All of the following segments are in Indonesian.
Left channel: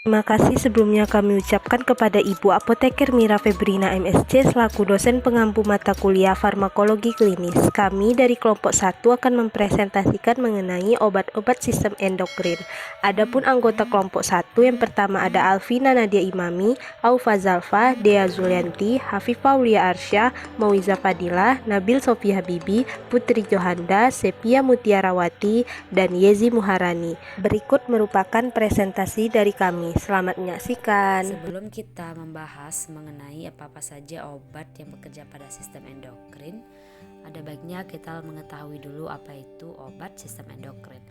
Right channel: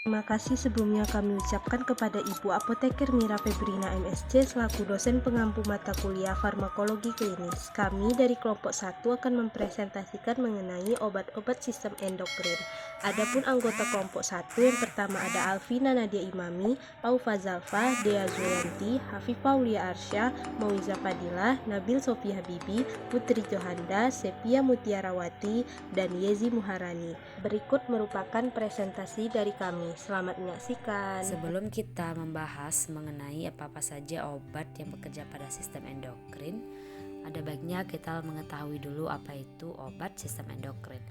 Terima kasih sebelumnya kami ucapkan kepada Ibu Apoteker Mira Febrina MSc selaku dosen pengampu mata kuliah farmakologi klinis. Kami dari kelompok 1 akan mempresentasikan mengenai obat-obat sistem endokrin. Adapun anggota kelompok 1 yang pertama ada Alvina Nadia Imami, Aufa Zalfa, Dea Zulianti, Hafifah Aulia Arsya, Mauiza Fadilah, Nabil Sofi Habibi, Putri Johanda, Sepia Mutiarawati, dan Yezi Muharani. Berikut merupakan presentasi dari kami. Selamat menyaksikan. Sebelum kita membahas mengenai apa-apa saja obat yang bekerja pada sistem endokrin, ada baiknya kita mengetahui dulu apa itu obat sistem endokrin.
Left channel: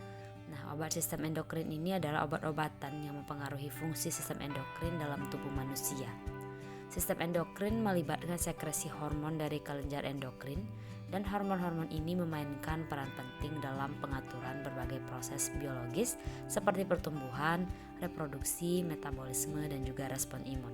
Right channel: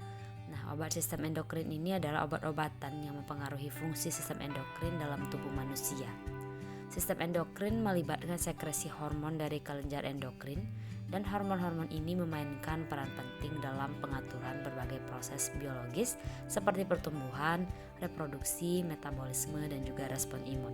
Nah, obat sistem endokrin ini adalah obat-obatan yang mempengaruhi fungsi sistem endokrin dalam tubuh manusia. Sistem endokrin melibatkan sekresi hormon dari kelenjar endokrin, dan hormon-hormon ini memainkan peran penting dalam pengaturan berbagai proses biologis seperti pertumbuhan, reproduksi, metabolisme, dan juga respon imun.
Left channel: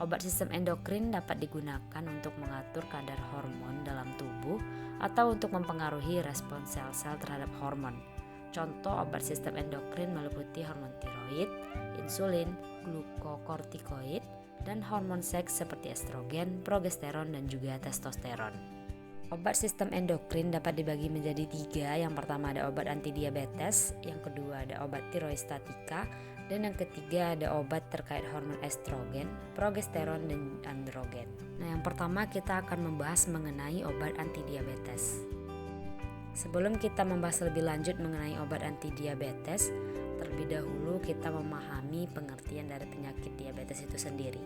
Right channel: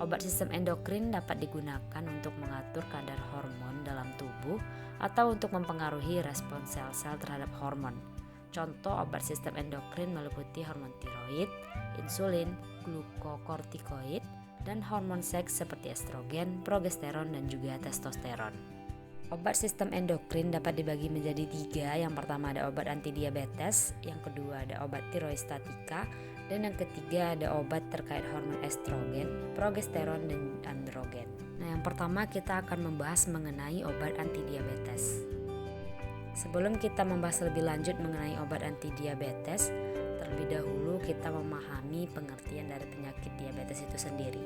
Obat sistem endokrin dapat digunakan untuk mengatur kadar hormon dalam tubuh atau untuk mempengaruhi respon sel-sel terhadap hormon. Contoh obat sistem endokrin meliputi hormon tiroid, insulin, glukokortikoid, dan hormon seks seperti estrogen, progesteron, dan juga testosteron. Obat sistem endokrin dapat dibagi menjadi 3. Yang pertama ada obat antidiabetes, yang kedua ada obat tiroistatika, dan yang ketiga ada obat terkait hormon estrogen, progesteron, dan androgen. Nah, yang pertama kita akan membahas mengenai obat antidiabetes. Sebelum kita membahas lebih lanjut mengenai obat antidiabetes, terlebih dahulu kita memahami pengertian dari penyakit diabetes itu sendiri.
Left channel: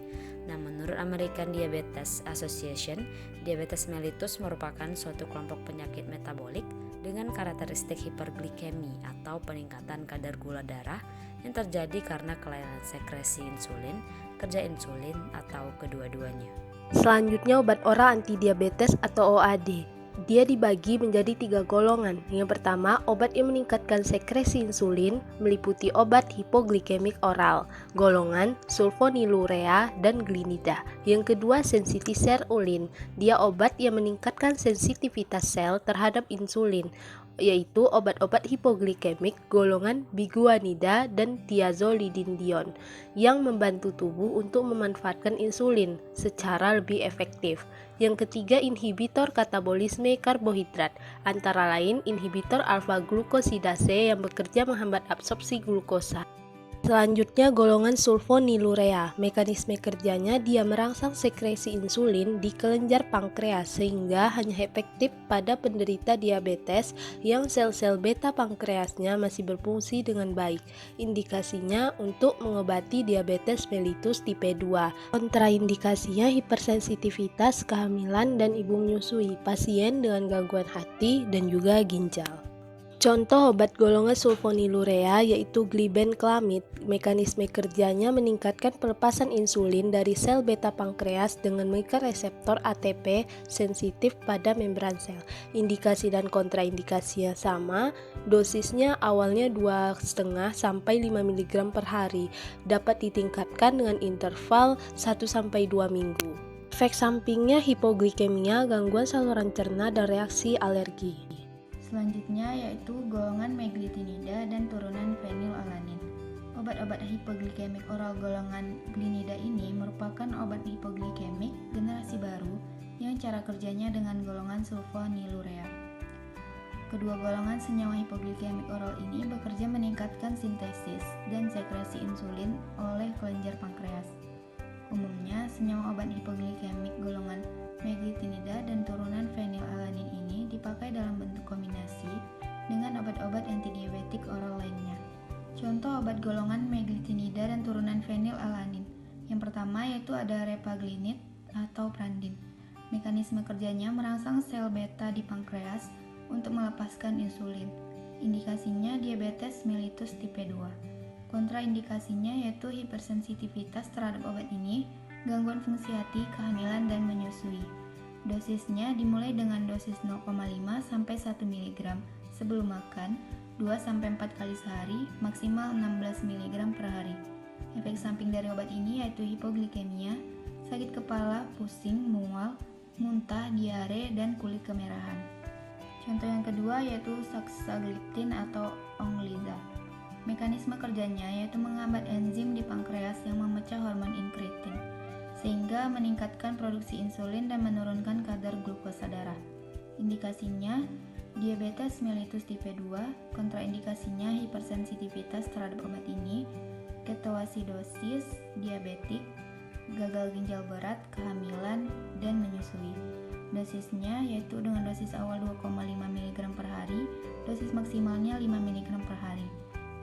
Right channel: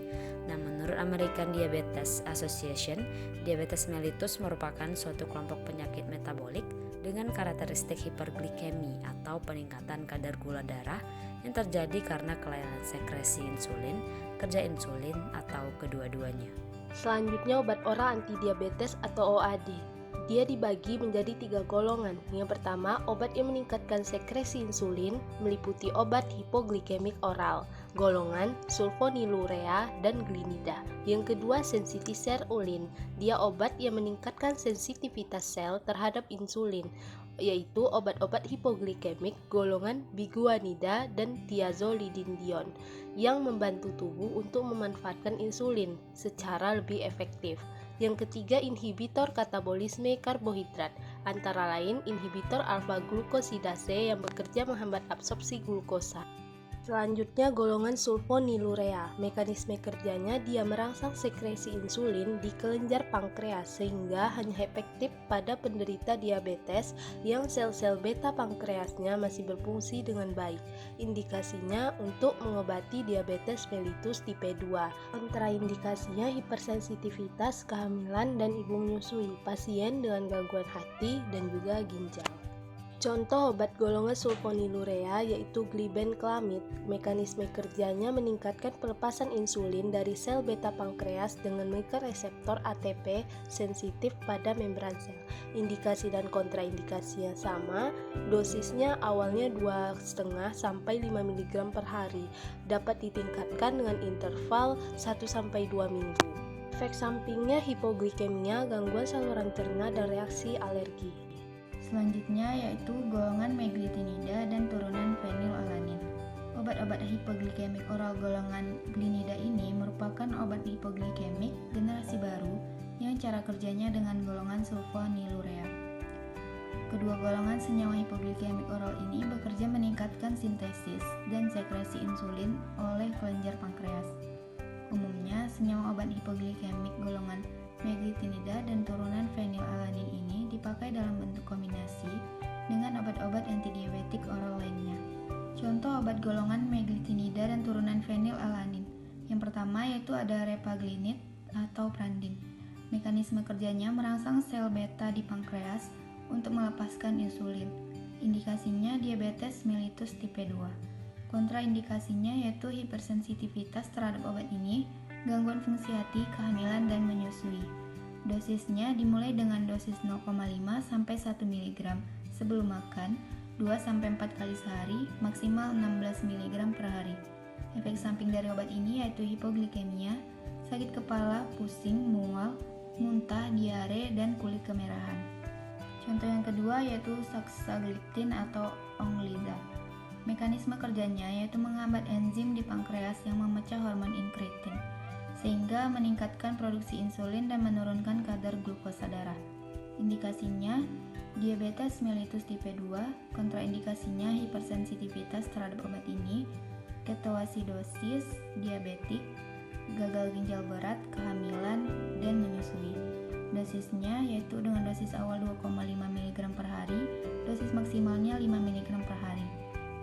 Nah, menurut American Diabetes Association, diabetes mellitus merupakan suatu kelompok penyakit metabolik dengan karakteristik hiperglikemi atau peningkatan kadar gula darah yang terjadi karena kelainan sekresi insulin, kerja insulin, atau kedua-duanya. Selanjutnya obat oral antidiabetes atau OAD. Dia dibagi menjadi 3 golongan. Yang pertama, obat yang meningkatkan sekresi insulin meliputi obat hipoglikemik oral, golongan sulfonylurea dan glinida. Yang kedua, sensitiserulin. Dia obat yang meningkatkan sensitivitas sel terhadap insulin, yaitu obat-obat hipoglikemik golongan biguanida dan thiazolidinedion yang membantu tubuh untuk memanfaatkan insulin secara lebih efektif. Yang ketiga, inhibitor katabolisme karbohidrat, antara lain inhibitor alfa-glukosidase yang bekerja menghambat absorpsi glukosa. Selanjutnya golongan sulfonylurea. Mekanisme kerjanya dia merangsang sekresi insulin di kelenjar pankreas sehingga hanya efektif pada penderita diabetes yang sel-sel beta pankreasnya masih berfungsi dengan baik. Indikasinya untuk mengobati diabetes mellitus tipe 2. Kontraindikasinya hipersensitivitas, kehamilan, dan ibu menyusui, pasien dengan gangguan hati, dan juga ginjal. Contoh obat golongan sulfonylurea yaitu glibenclamid. Mekanisme kerjanya meningkatkan pelepasan insulin dari sel beta pankreas dengan mengikat reseptor ATP sensitif pada membran sel. Indikasi dan kontraindikasinya sama. Dosisnya awalnya 2,5 sampai 5 mg per hari. Dapat ditingkatkan dengan interval 1 sampai 2 minggu. Efek sampingnya hipoglikemia, gangguan saluran cerna, dan reaksi alergi. Selanjutnya yaitu golongan meglitinida dan turunan fenilalanin. Obat-obat hipoglikemik oral golongan glinida ini merupakan obat hipoglikemik generasi baru yang cara kerjanya dengan golongan sulfonylurea. Kedua golongan senyawa hipoglikemik oral ini bekerja meningkatkan sintesis dan sekresi insulin oleh kelenjar pankreas. Umumnya, senyawa obat hipoglikemik golongan meglitinida dan turunan fenilalanin ini dipakai dalam bentuk kombinasi dengan obat-obat antidiabetik oral lainnya. Contoh obat golongan meglitinida dan turunan fenilalanin. Yang pertama yaitu ada repaglinid atau Prandin. Mekanisme kerjanya merangsang sel beta di pankreas untuk melepaskan insulin. Indikasinya diabetes mellitus tipe 2. Kontraindikasinya yaitu hipersensitivitas terhadap obat ini, gangguan fungsi hati, kehamilan, dan menyusui. Dosisnya dimulai dengan dosis 0,5 sampai 1 mg sebelum makan, 2 sampai 4 kali sehari, maksimal 16 mg per hari. Efek samping dari obat ini yaitu hipoglikemia, sakit kepala, pusing, mual, muntah, diare, dan kulit kemerahan. Contoh yang kedua yaitu saxagliptin atau Onglida. Mekanisme kerjanya yaitu menghambat enzim di pankreas yang memecah hormon inkretin, sehingga meningkatkan produksi insulin dan menurunkan kadar glukosa darah. Indikasinya, diabetes mellitus tipe 2, kontraindikasinya hipersensitivitas terhadap obat ini, ketoasidosis diabetik, gagal ginjal berat, kehamilan, dan menyusui. Dosisnya yaitu dengan dosis awal 2,5 mg per hari, dosis maksimalnya 5 mg per hari.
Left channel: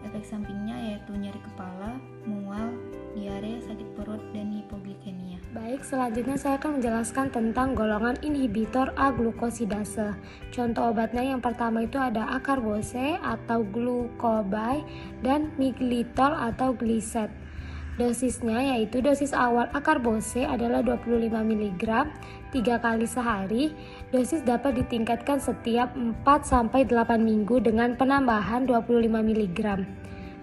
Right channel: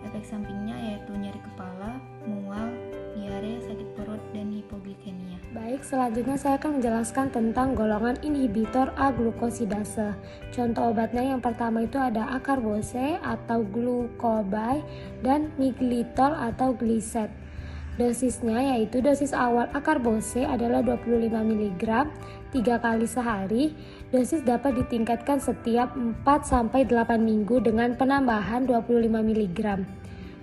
Efek sampingnya yaitu nyeri kepala, mual, diare, sakit perut, dan hipoglikemia. Baik, selanjutnya saya akan menjelaskan tentang golongan inhibitor aglukosidase. Contoh obatnya yang pertama itu ada acarbose atau glucobay dan miglitol atau glised. Dosisnya yaitu dosis awal acarbose adalah 25 mg 3 kali sehari. Dosis dapat ditingkatkan setiap 4-8 minggu dengan penambahan 25 mg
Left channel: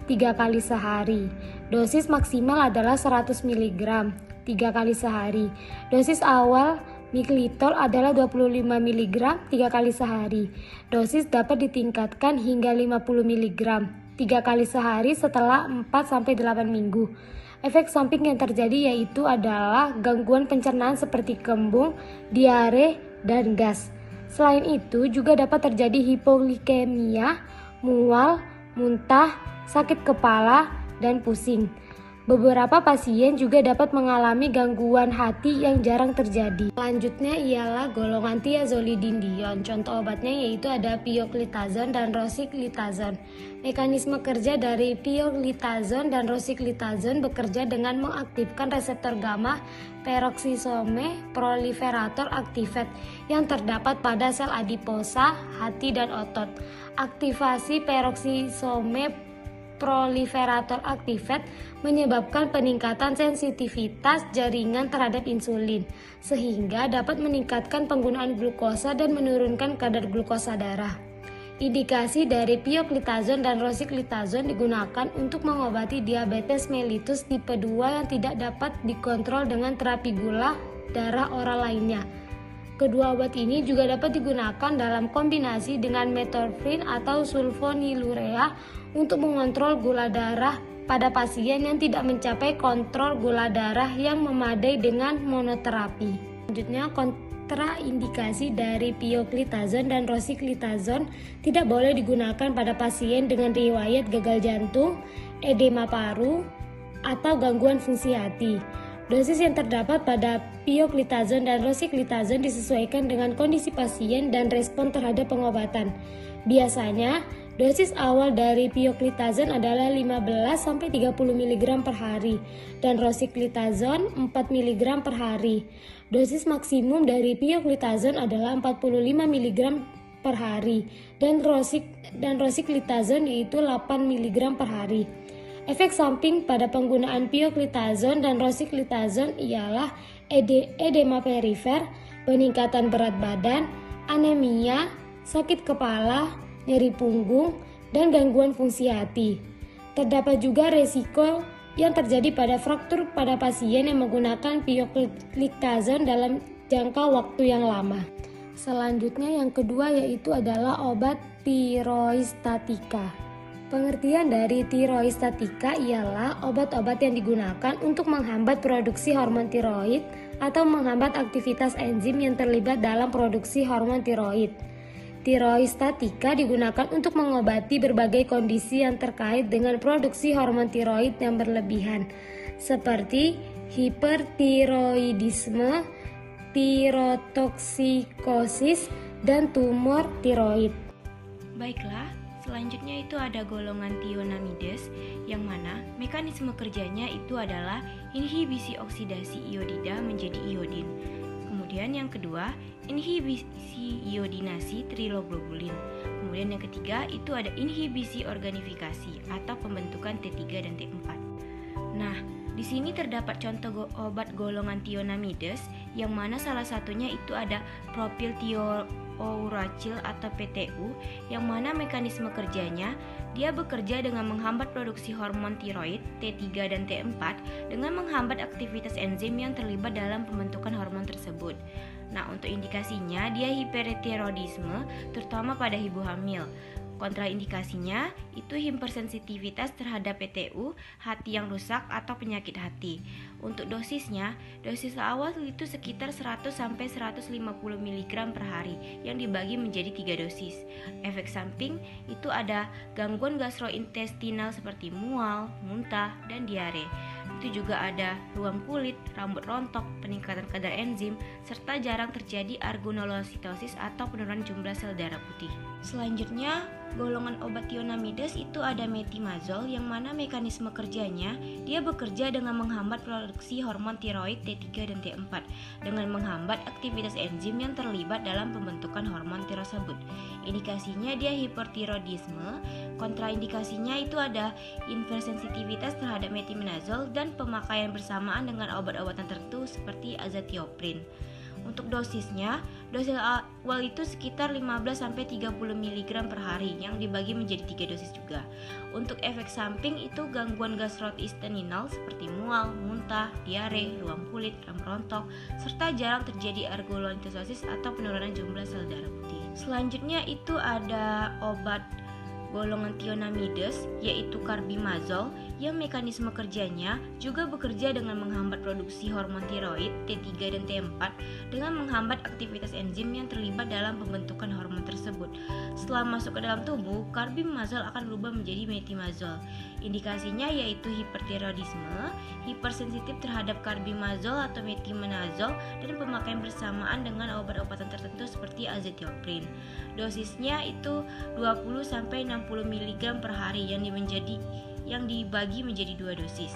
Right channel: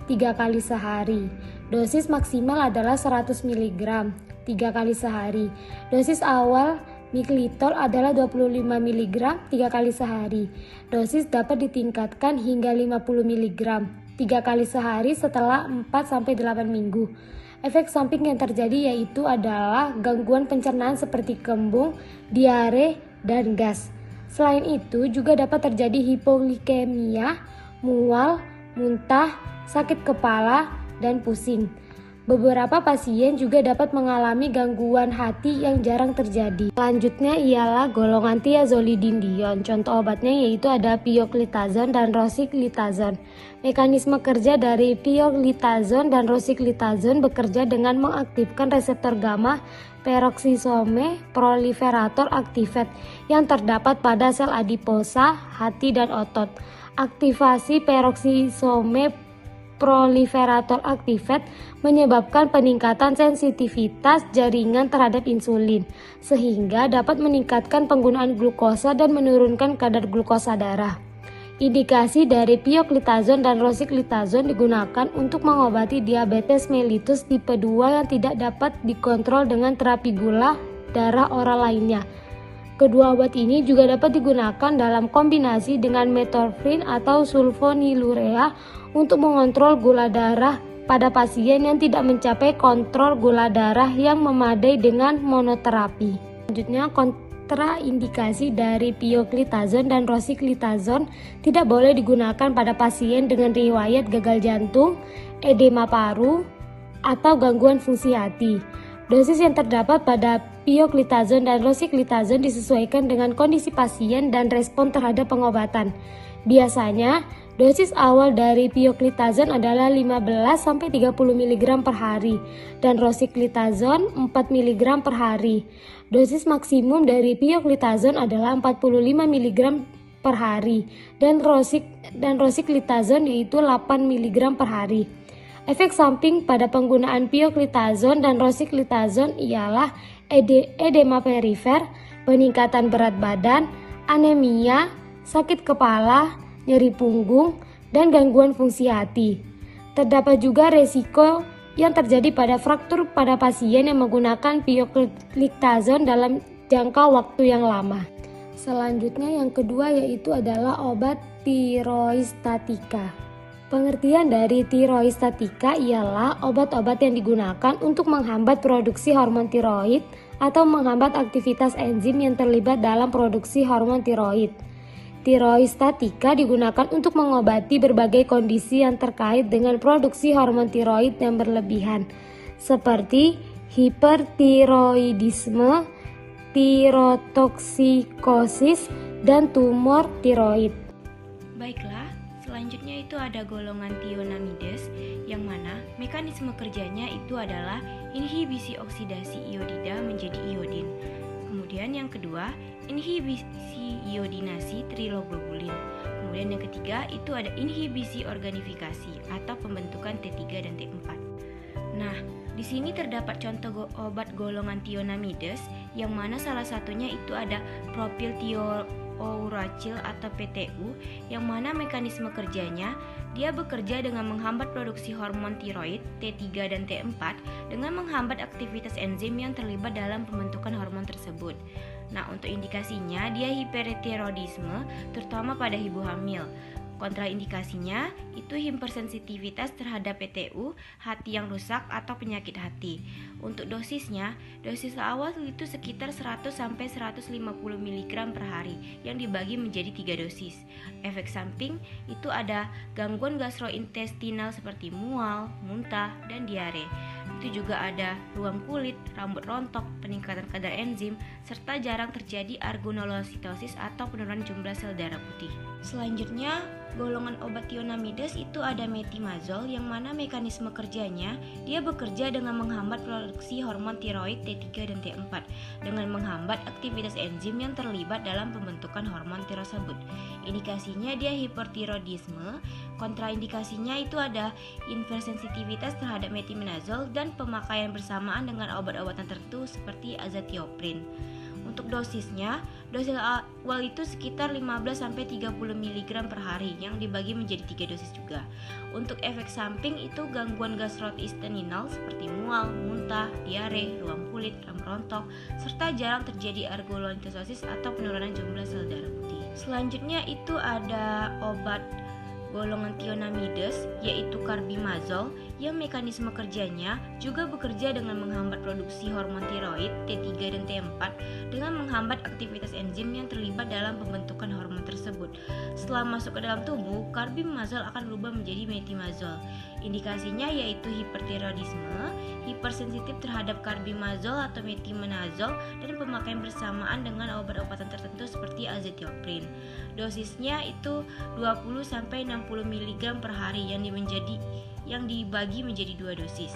3 kali sehari. Dosis maksimal adalah 100 mg 3 kali sehari. Dosis awal miglitol adalah 25 mg 3 kali sehari. Dosis dapat ditingkatkan hingga 50 mg 3 kali sehari setelah 4-8 minggu. Efek samping yang terjadi yaitu adalah gangguan pencernaan seperti kembung, diare, dan gas. Selain itu juga dapat terjadi hipoglikemia, mual, muntah, sakit kepala, dan pusing. Beberapa pasien juga dapat mengalami gangguan hati yang jarang terjadi. Selanjutnya ialah golongan thiazolidinedione. Contoh obatnya yaitu ada pioglitazone dan rosiglitazone. Mekanisme kerja dari pioglitazone dan rosiglitazone bekerja dengan mengaktifkan reseptor gamma peroksisome proliferator activate yang terdapat pada sel adiposa, hati, dan otot. Aktivasi peroksisome proliferator activate menyebabkan peningkatan sensitivitas jaringan terhadap insulin, sehingga dapat meningkatkan penggunaan glukosa dan menurunkan kadar glukosa darah. Indikasi dari pioglitazone dan rosiglitazone digunakan untuk mengobati diabetes mellitus tipe 2 yang tidak dapat dikontrol dengan terapi gula darah oral lainnya. Kedua obat ini juga dapat digunakan dalam kombinasi dengan metformin atau sulfonylurea untuk mengontrol gula darah pada pasien yang tidak mencapai kontrol gula darah yang memadai dengan monoterapi. Selanjutnya, kontraindikasi dari pioglitazone dan rosiglitazone tidak boleh digunakan pada pasien dengan riwayat gagal jantung, edema paru, atau gangguan fungsi hati. Dosis yang terdapat pada pioglitazone dan rosiglitazone disesuaikan dengan kondisi pasien dan respon terhadap pengobatan. Biasanya, dosis awal dari pioglitazone adalah 15-30 mg per hari dan rosiglitazone 4 mg per hari. Dosis maksimum dari pioglitazone adalah 45 mg per hari dan rosiglitazone yaitu 8 mg per hari. Efek samping pada penggunaan pioglitazone dan rosiglitazone ialah edema perifer, peningkatan berat badan, anemia, sakit kepala, nyeri punggung, dan gangguan fungsi hati. Terdapat juga resiko yang terjadi pada fraktur pada pasien yang menggunakan pioglitazone dalam jangka waktu yang lama. Selanjutnya yang kedua yaitu adalah obat tiroistatika. Pengertian dari tiroistatika ialah obat-obat yang digunakan untuk menghambat produksi hormon tiroid atau menghambat aktivitas enzim yang terlibat dalam produksi hormon tiroid. Tiroistatika digunakan untuk mengobati berbagai kondisi yang terkait dengan produksi hormon tiroid yang berlebihan, seperti hipertiroidisme, tirotoksikosis, dan tumor tiroid. Baiklah, selanjutnya itu ada golongan thionamides, yang mana mekanisme kerjanya itu adalah inhibisi oksidasi iodida menjadi iodin. Kemudian yang kedua, inhibisi iodinasi triloglobulin. Kemudian yang ketiga itu ada inhibisi organifikasi atau pembentukan T3 dan T4. Nah, di sini terdapat contoh obat golongan thionamides, yang mana salah satunya itu ada propylthiouracil atau PTU, yang mana mekanisme kerjanya dia bekerja dengan menghambat produksi hormon tiroid T3 dan T4 dengan menghambat aktivitas enzim yang terlibat dalam pembentukan hormon tersebut. Nah, untuk indikasinya dia hipertiroidisme terutama pada ibu hamil. Kontraindikasinya itu hipersensitivitas terhadap PTU, hati yang rusak atau penyakit hati. Untuk dosisnya, dosis awal itu sekitar 100 sampai 150 mg per hari yang dibagi menjadi 3 dosis. Efek samping itu ada gangguan gastrointestinal seperti mual, muntah, dan diare. Itu juga ada ruam kulit, rambut rontok, peningkatan kadar enzim, serta jarang terjadi arenolositosis atau penurunan jumlah sel darah putih. Selanjutnya, golongan obat thionamides itu ada metimazol yang mana mekanisme kerjanya dia bekerja dengan menghambat produksi hormon tiroid T3 dan T4 dengan menghambat aktivitas enzim yang terlibat dalam pembentukan hormon tersebut. Indikasinya dia hipertiroidisme, kontraindikasinya itu ada hipersensitivitas terhadap metimazol dan pemakaian bersamaan dengan obat-obatan tertentu seperti azathioprine. Untuk dosisnya, dosis awal itu sekitar 15-30 mg per hari yang dibagi menjadi 3 dosis juga. Untuk efek samping itu gangguan gastrointestinal seperti mual, muntah, diare, ruam kulit, rambut rontok, serta jarang terjadi arenolositosis atau penurunan jumlah sel darah putih. Selanjutnya itu ada obat golongan thionamides yaitu carbimazole yang mekanisme kerjanya juga bekerja dengan menghambat produksi hormon tiroid T3 dan T4 dengan menghambat aktivitas enzim yang terlibat dalam pembentukan hormon tersebut. Setelah masuk ke dalam tubuh, carbimazole akan berubah menjadi metimazole. Indikasinya yaitu hipertiroidisme, hipersensitif terhadap carbimazole atau metimanazole, dan pemakaian bersamaan dengan obat-obatan tertentu seperti azathioprine. Dosisnya itu 20-60 mg per hari yang dibagi menjadi 2 dosis.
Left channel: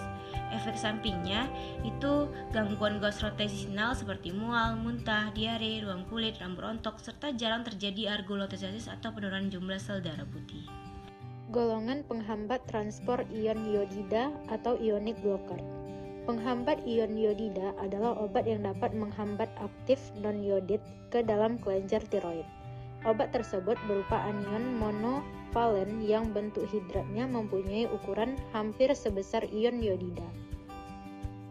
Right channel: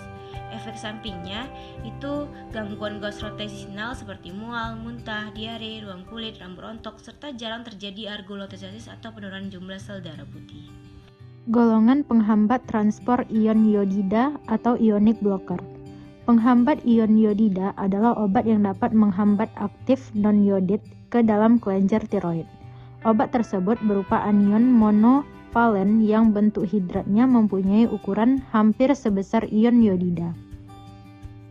Efek sampingnya itu gangguan gastrointestinal seperti mual, muntah, diare, ruam kulit, rambut rontok, serta jarang terjadi arenolositosis atau penurunan jumlah sel darah putih. Golongan penghambat transport ion iodida atau ionic blocker. Penghambat ion iodida adalah obat yang dapat menghambat aktif non-iodid ke dalam kelenjar tiroid. Obat tersebut berupa anion monovalen yang bentuk hidratnya mempunyai ukuran hampir sebesar ion iodida.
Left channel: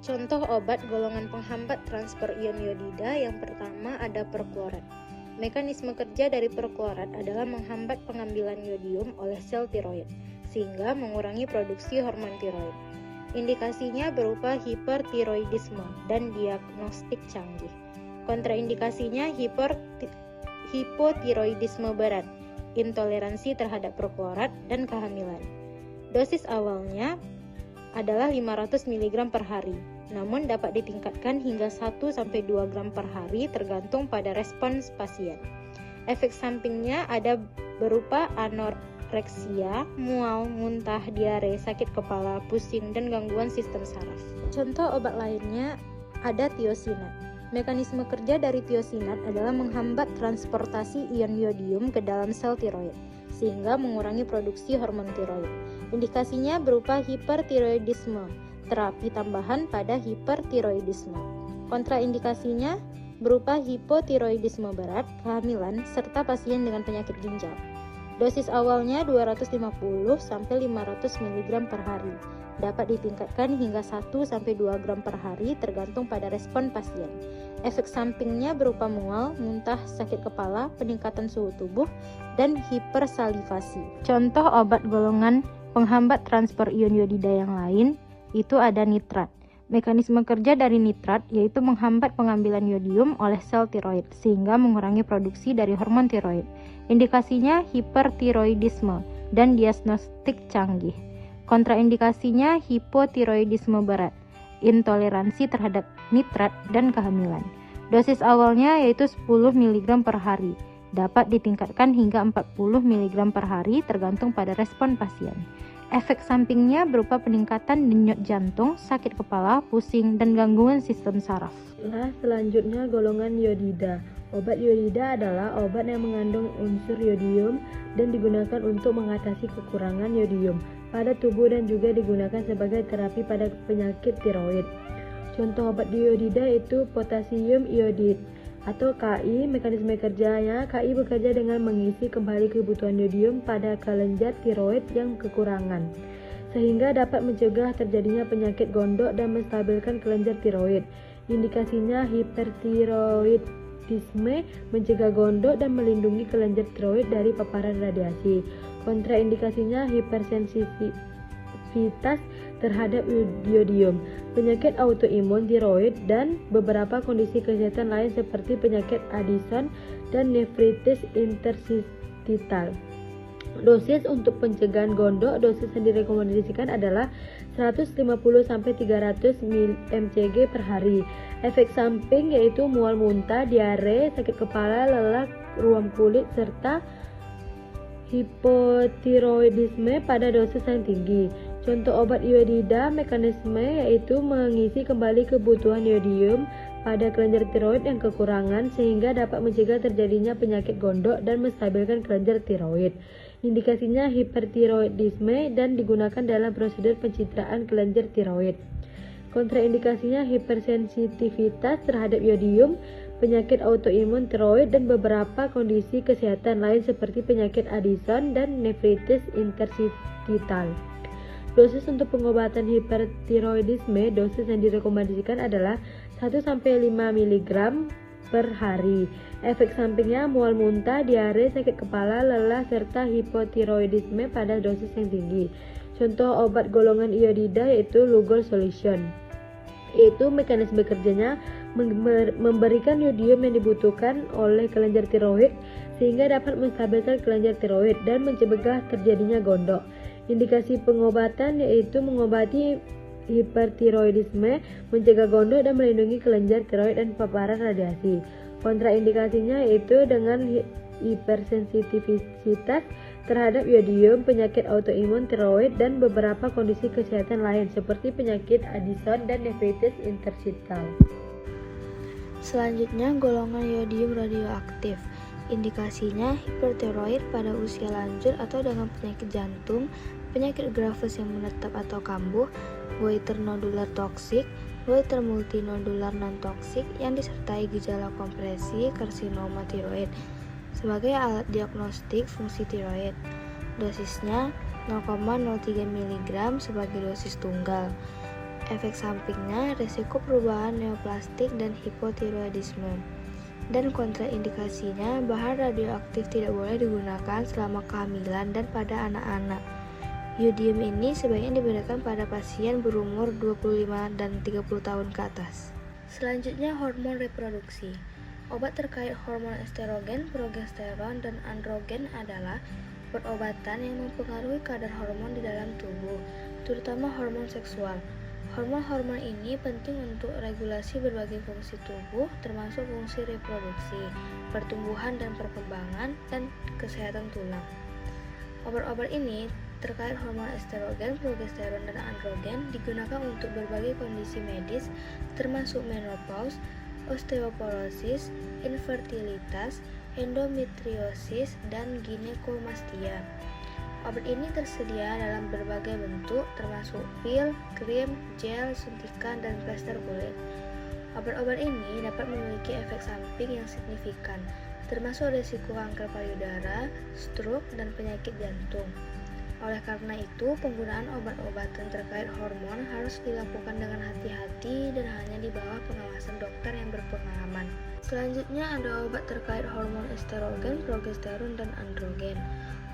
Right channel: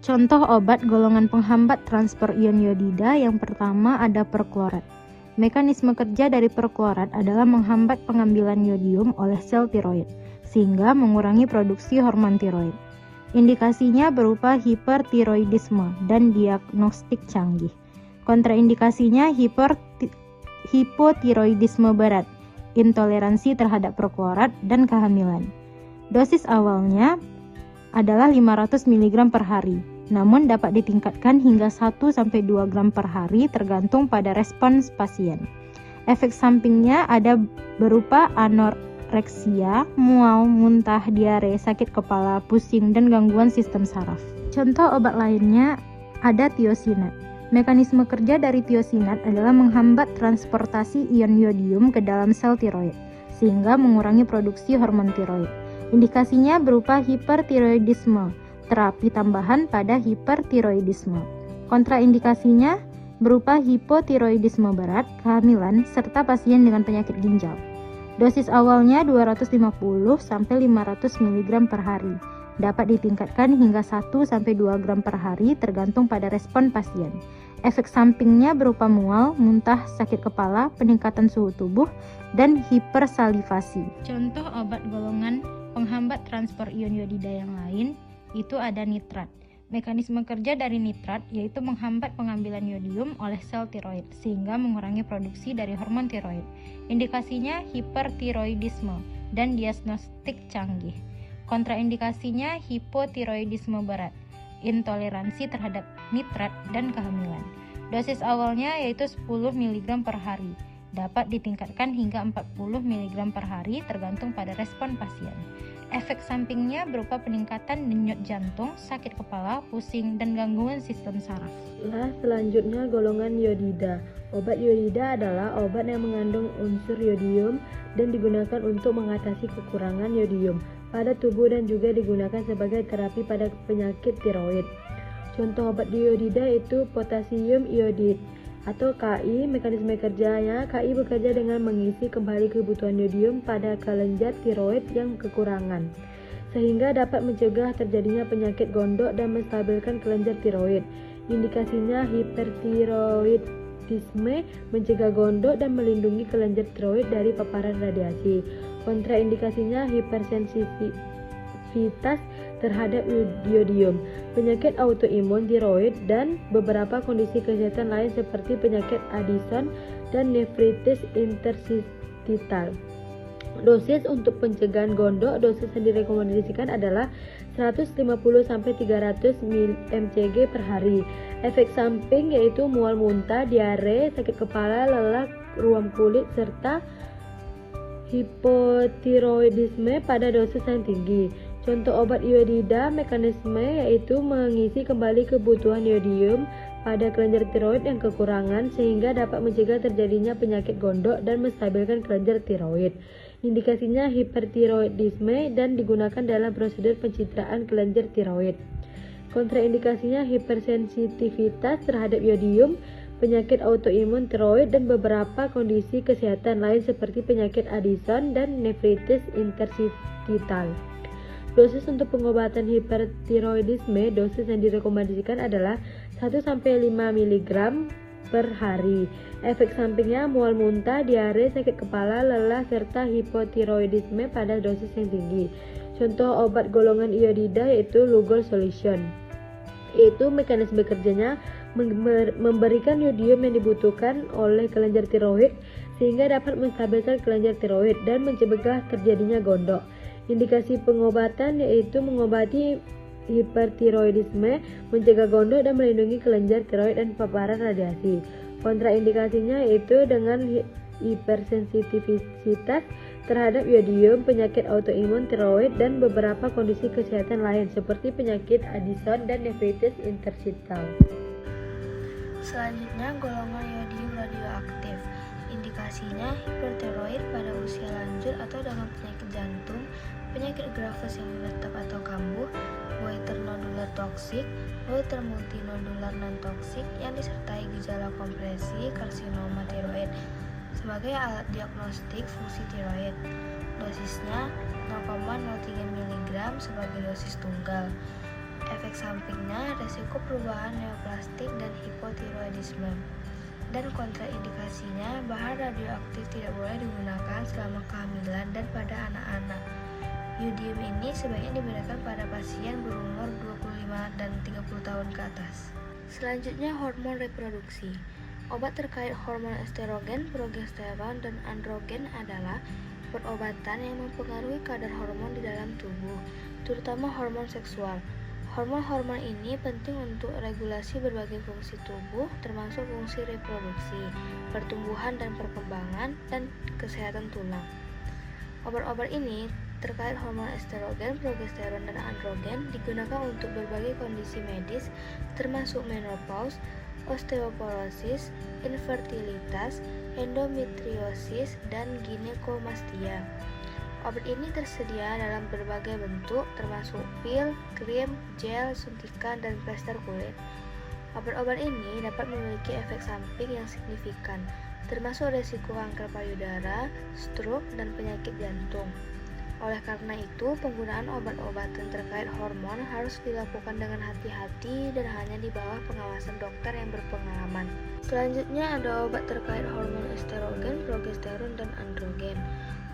Contoh obat golongan penghambat transport ion iodida yang pertama ada perklorat. Mekanisme kerja dari perklorat adalah menghambat pengambilan yodium oleh sel tiroid, sehingga mengurangi produksi hormon tiroid. Indikasinya berupa hipertiroidisme dan diagnostik canggih. Kontraindikasinya hipotiroidisme berat, intoleransi terhadap perklorat, dan kehamilan. Dosis awalnya adalah 500 mg per hari, namun dapat ditingkatkan hingga 1-2 gram per hari tergantung pada respons pasien. Efek sampingnya ada berupa anoreksia, mual, muntah, diare, sakit kepala, pusing, dan gangguan sistem saraf. Contoh obat lainnya ada tiosinat. Mekanisme kerja dari tiosinat adalah menghambat transportasi ion yodium ke dalam sel tiroid, sehingga mengurangi produksi hormon tiroid. Indikasinya berupa hipertiroidisme, terapi tambahan pada hipertiroidisme. Kontraindikasinya berupa hipotiroidisme berat, kehamilan, serta pasien dengan penyakit ginjal. Dosis awalnya 250-500 mg per hari. Dapat ditingkatkan hingga 1-2 gram per hari tergantung pada respon pasien. Efek sampingnya berupa mual, muntah, sakit kepala, peningkatan suhu tubuh, dan hipersalivasi. Contoh obat golongan penghambat transport ion iodida yang lain itu ada nitrat. Mekanisme kerja dari nitrat yaitu menghambat pengambilan yodium oleh sel tiroid sehingga mengurangi produksi dari hormon tiroid. Indikasinya hipertiroidisme dan diagnostik canggih. Kontraindikasinya hipotiroidisme berat, intoleransi terhadap nitrat, dan kehamilan. Dosis awalnya yaitu 10 mg per hari. Dapat ditingkatkan hingga 40 mg per hari tergantung pada respon pasien. Efek sampingnya berupa peningkatan denyut jantung, sakit kepala, pusing, dan gangguan sistem saraf. Nah, selanjutnya golongan iodida. Obat iodida adalah obat yang mengandung unsur yodium dan digunakan untuk mengatasi kekurangan yodium pada tubuh dan juga digunakan sebagai terapi pada penyakit tiroid. Contoh obat iodida itu potasium iodid atau KI. Mekanisme kerjanya, KI bekerja dengan mengisi kembali kebutuhan yodium pada kelenjar tiroid yang kekurangan, sehingga dapat mencegah terjadinya penyakit gondok dan menstabilkan kelenjar tiroid. Indikasinya hipertiroidisme, mencegah gondok dan melindungi kelenjar tiroid dari paparan radiasi. Kontraindikasinya hipersensitivitas terhadap iodium, penyakit autoimun tiroid, dan beberapa kondisi kesehatan lain seperti penyakit Addison dan nefritis interstitial. Dosis untuk pencegahan gondok, dosis yang direkomendasikan adalah 150-300 mcg per hari. Efek samping yaitu mual muntah, diare, sakit kepala, lelah, ruam kulit, serta hipotiroidisme pada dosis yang tinggi. Contoh obat iodida mekanisme yaitu mengisi kembali kebutuhan iodium pada kelenjar tiroid yang kekurangan sehingga dapat mencegah terjadinya penyakit gondok dan menstabilkan kelenjar tiroid. Indikasinya hipertiroidisme dan digunakan dalam prosedur pencitraan kelenjar tiroid. Kontraindikasinya hipersensitivitas terhadap iodium, penyakit autoimun tiroid, dan beberapa kondisi kesehatan lain seperti penyakit Addison dan nefritis interstitial. Dosis untuk pengobatan hipertiroidisme, dosis yang direkomendasikan adalah 1-5 mg per hari. Efek sampingnya mual muntah, diare, sakit kepala, lelah, serta hipotiroidisme pada dosis yang tinggi. Contoh obat golongan iodida yaitu Lugol solution. Yaitu mekanisme kerjanya memberikan iodium yang dibutuhkan oleh kelenjar tiroid sehingga dapat menstabilkan kelenjar tiroid dan mencegah terjadinya gondok. Indikasi pengobatan yaitu mengobati hipertiroidisme, mencegah gondok, dan melindungi kelenjar tiroid dan paparan radiasi. Kontraindikasinya yaitu dengan hipersensitivitas terhadap iodium, penyakit autoimun tiroid, dan beberapa kondisi kesehatan lain seperti penyakit Addison dan nefritis interstitial. Selanjutnya, golongan iodium radioaktif. Indikasinya hipertiroid pada usia lanjut atau dengan penyakit jantung, penyakit grafus yang menetap atau kambuh, goiter nodular toksik, goiter multinodular non-toksik yang disertai gejala kompresi karsinoma tiroid sebagai alat diagnostik fungsi tiroid. Dosisnya 0,03 mg sebagai dosis tunggal. Efek sampingnya resiko perubahan neoplastik dan hipotiroidisme. Dan kontraindikasinya, bahan radioaktif tidak boleh digunakan selama kehamilan dan pada anak-anak. Iodium ini sebaiknya diberikan pada pasien berumur 25 dan 30 tahun ke atas. Selanjutnya, hormon reproduksi. Obat terkait hormon estrogen, progesteron, dan androgen adalah obat-obatan yang mempengaruhi kadar hormon di dalam tubuh, terutama hormon seksual. Hormon-hormon ini penting untuk regulasi berbagai fungsi tubuh, termasuk fungsi reproduksi, pertumbuhan dan perkembangan, dan kesehatan tulang. Obat-obat ini terkait hormon estrogen, progesteron, dan androgen digunakan untuk berbagai kondisi medis, termasuk menopause, osteoporosis, infertilitas, endometriosis, dan ginekomastia. Obat ini tersedia dalam berbagai bentuk, termasuk pil, krim, gel, suntikan, dan plester kulit. Obat-obat ini dapat memiliki efek samping yang signifikan, termasuk risiko kanker payudara, stroke, dan penyakit jantung. Oleh karena itu, penggunaan obat-obatan terkait hormon harus dilakukan dengan hati-hati dan hanya di bawah pengawasan dokter yang berpengalaman. Selanjutnya ada obat terkait hormon estrogen, progesteron, dan androgen.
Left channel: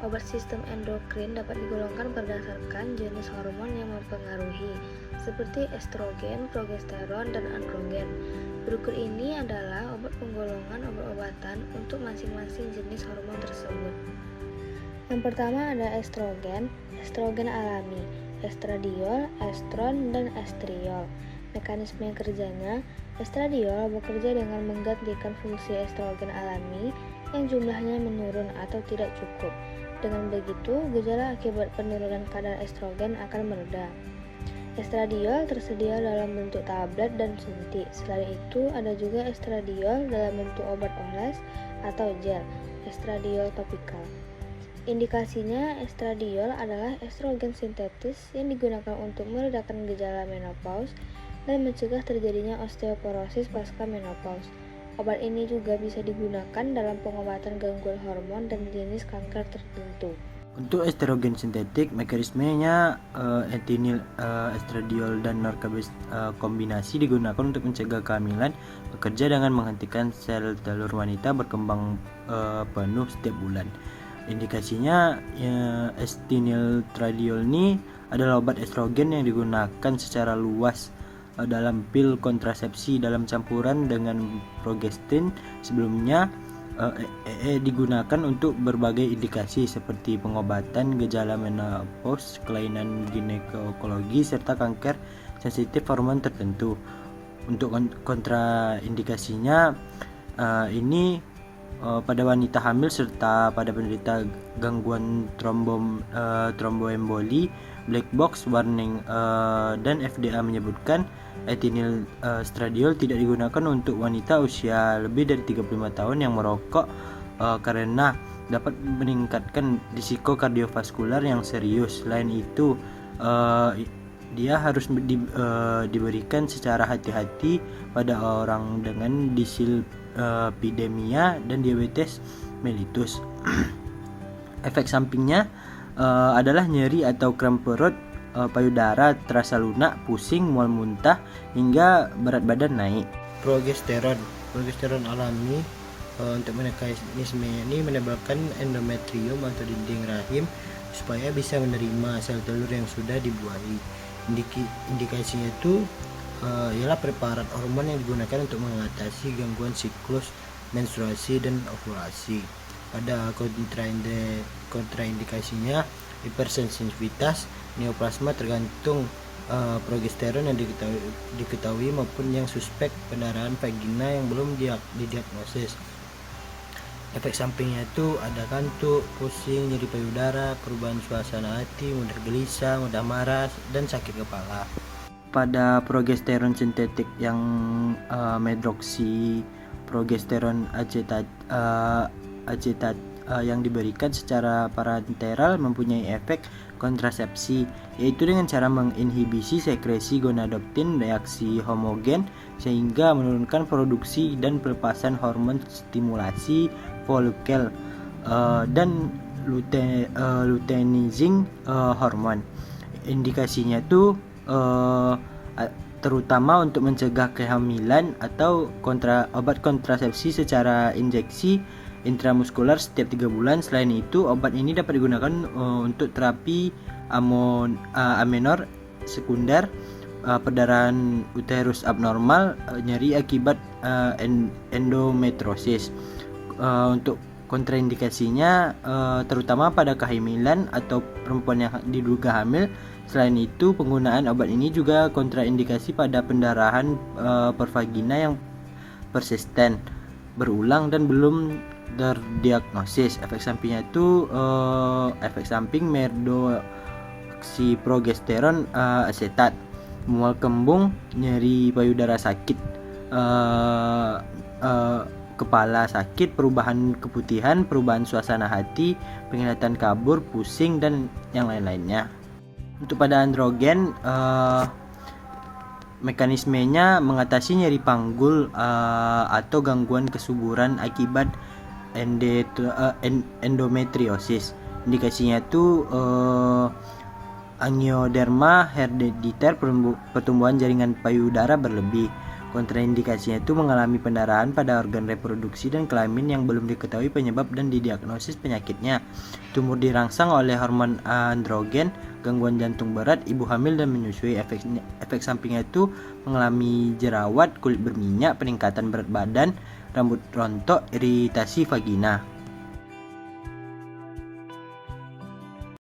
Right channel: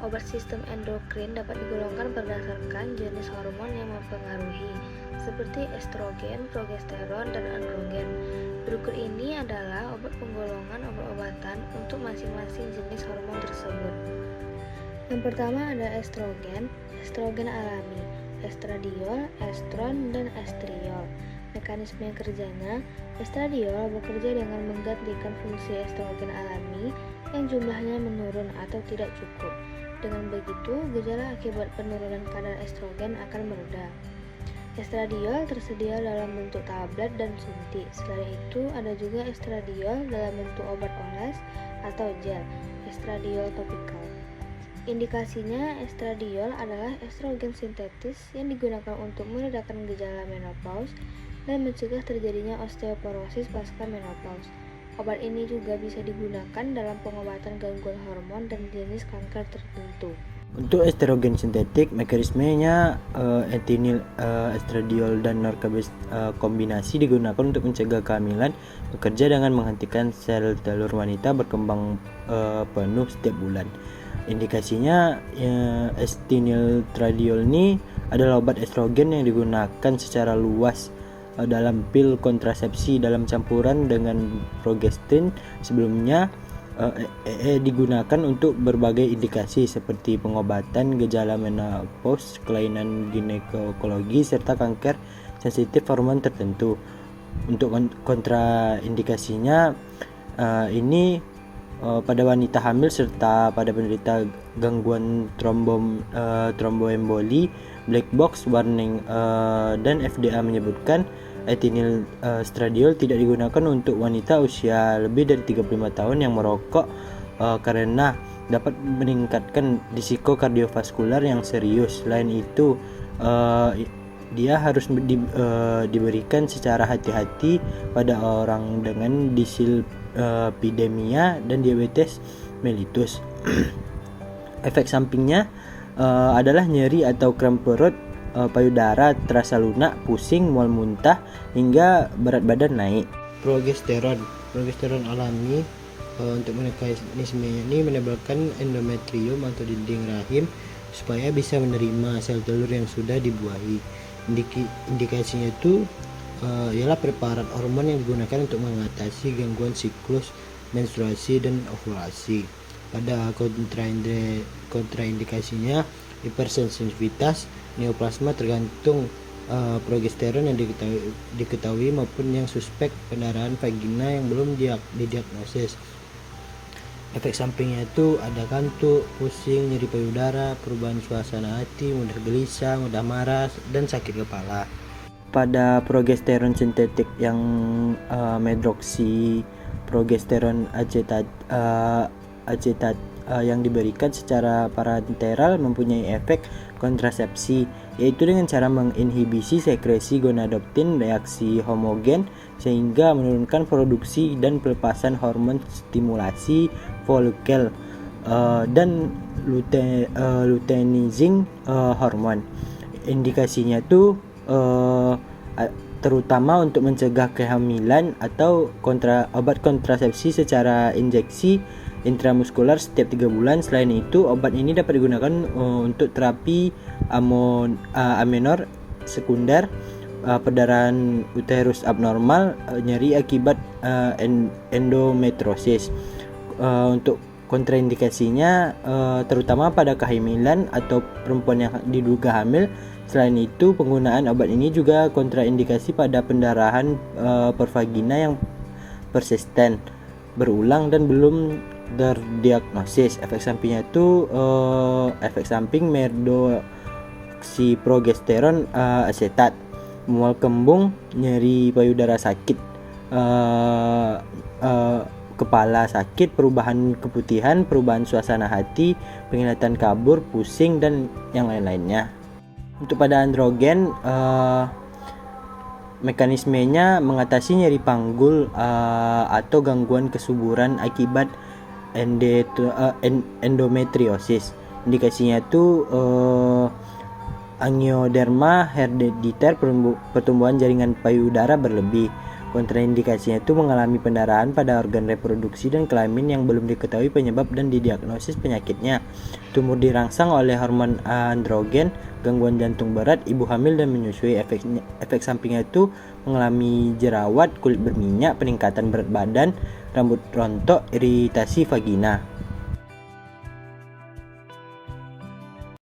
Obat sistem endokrin dapat digolongkan berdasarkan jenis hormon yang mempengaruhi, seperti estrogen, progesteron, dan androgen. Berikut ini adalah obat penggolongan obat-obatan untuk masing-masing jenis hormon tersebut. Yang pertama ada estrogen, estrogen alami, estradiol, estron, dan estriol. Mekanisme kerjanya, estradiol bekerja dengan menggantikan fungsi estrogen alami yang jumlahnya menurun atau tidak cukup. Dengan begitu, gejala akibat penurunan kadar estrogen akan mereda. Estradiol tersedia dalam bentuk tablet dan suntik. Selain itu, ada juga estradiol dalam bentuk obat oles atau gel, estradiol topikal. Indikasinya, estradiol adalah estrogen sintetis yang digunakan untuk meredakan gejala menopause dan mencegah terjadinya osteoporosis pasca menopause. Obat ini juga bisa digunakan dalam pengobatan gangguan hormon dan jenis kanker tertentu. Untuk estrogen sintetik, mekanismenya etinil estradiol dan norkabes kombinasi digunakan untuk mencegah kehamilan, bekerja dengan menghentikan sel telur wanita berkembang penuh setiap bulan. Indikasinya etiniltradiol ini adalah obat estrogen yang digunakan secara luas dalam pil kontrasepsi dalam campuran dengan progesterin. Sebelumnya digunakan untuk berbagai indikasi seperti pengobatan gejala menopause, kelainan ginekologi, serta kanker sensitif hormon tertentu. Untuk kontraindikasinya ini pada wanita hamil serta pada penderita gangguan tromboemboli. Black box warning dan FDA menyebutkan etinilstradiol tidak digunakan untuk wanita usia lebih dari 35 tahun yang merokok karena dapat meningkatkan risiko kardiovaskular yang serius. Selain itu, dia harus diberikan secara hati-hati pada orang dengan dislipidemia dan diabetes mellitus. Efek sampingnya adalah nyeri atau kram perut, payudara terasa lunak, pusing, mual muntah, hingga berat badan naik. Progesteron alami untuk mekanismenya ini menebalkan endometrium atau dinding rahim supaya bisa menerima sel telur yang sudah dibuahi. Indikasinya itu ialah preparat hormon yang digunakan untuk mengatasi gangguan siklus menstruasi dan ovulasi. Pada kontraindikasinya hipersensitivitas neoplasma tergantung progesteron yang diketahui maupun yang suspek, pendarahan vagina yang belum didiagnosis. Efek sampingnya itu ada kantuk, pusing, nyeri payudara, perubahan suasana hati, mudah gelisah, mudah marah, dan sakit kepala. Pada progesteron sintetik yang medroksiprogesteron acetat yang diberikan secara parenteral mempunyai efek kontrasepsi, yaitu dengan cara menginhibisi sekresi gonadotropin reaksi homogen sehingga menurunkan produksi dan pelepasan hormon stimulasi folikel dan luteinizing hormon. Indikasinya itu terutama untuk mencegah kehamilan atau obat kontrasepsi secara injeksi intramuskular setiap 3 bulan. Selain itu, obat ini dapat digunakan untuk terapi amenor sekunder, perdarahan uterus abnormal, nyeri akibat endometriosis. Untuk kontraindikasinya terutama pada kehamilan atau perempuan yang diduga hamil. Selain itu, penggunaan obat ini juga kontraindikasi pada pendarahan pervagina yang persisten, berulang dan belum terdiagnosis. Efek sampingnya itu efek samping medroksiprogesteron asetat, mual kembung, nyeri payudara sakit, kepala sakit, perubahan keputihan, perubahan suasana hati, penglihatan kabur, pusing, dan yang lain-lainnya. Untuk pada androgen, mekanismenya mengatasi nyeri panggul atau gangguan kesuburan akibat endometriosis. Indikasinya itu angioderma herediter, pertumbuhan jaringan payudara berlebih. Kontraindikasinya itu mengalami pendarahan pada organ reproduksi dan kelamin yang belum diketahui penyebab dan didiagnosis penyakitnya. Tumor dirangsang oleh hormon androgen, gangguan jantung berat, ibu hamil dan menyusui. Efek sampingnya itu mengalami jerawat, kulit berminyak, peningkatan berat badan, rambut rontok, iritasi vagina.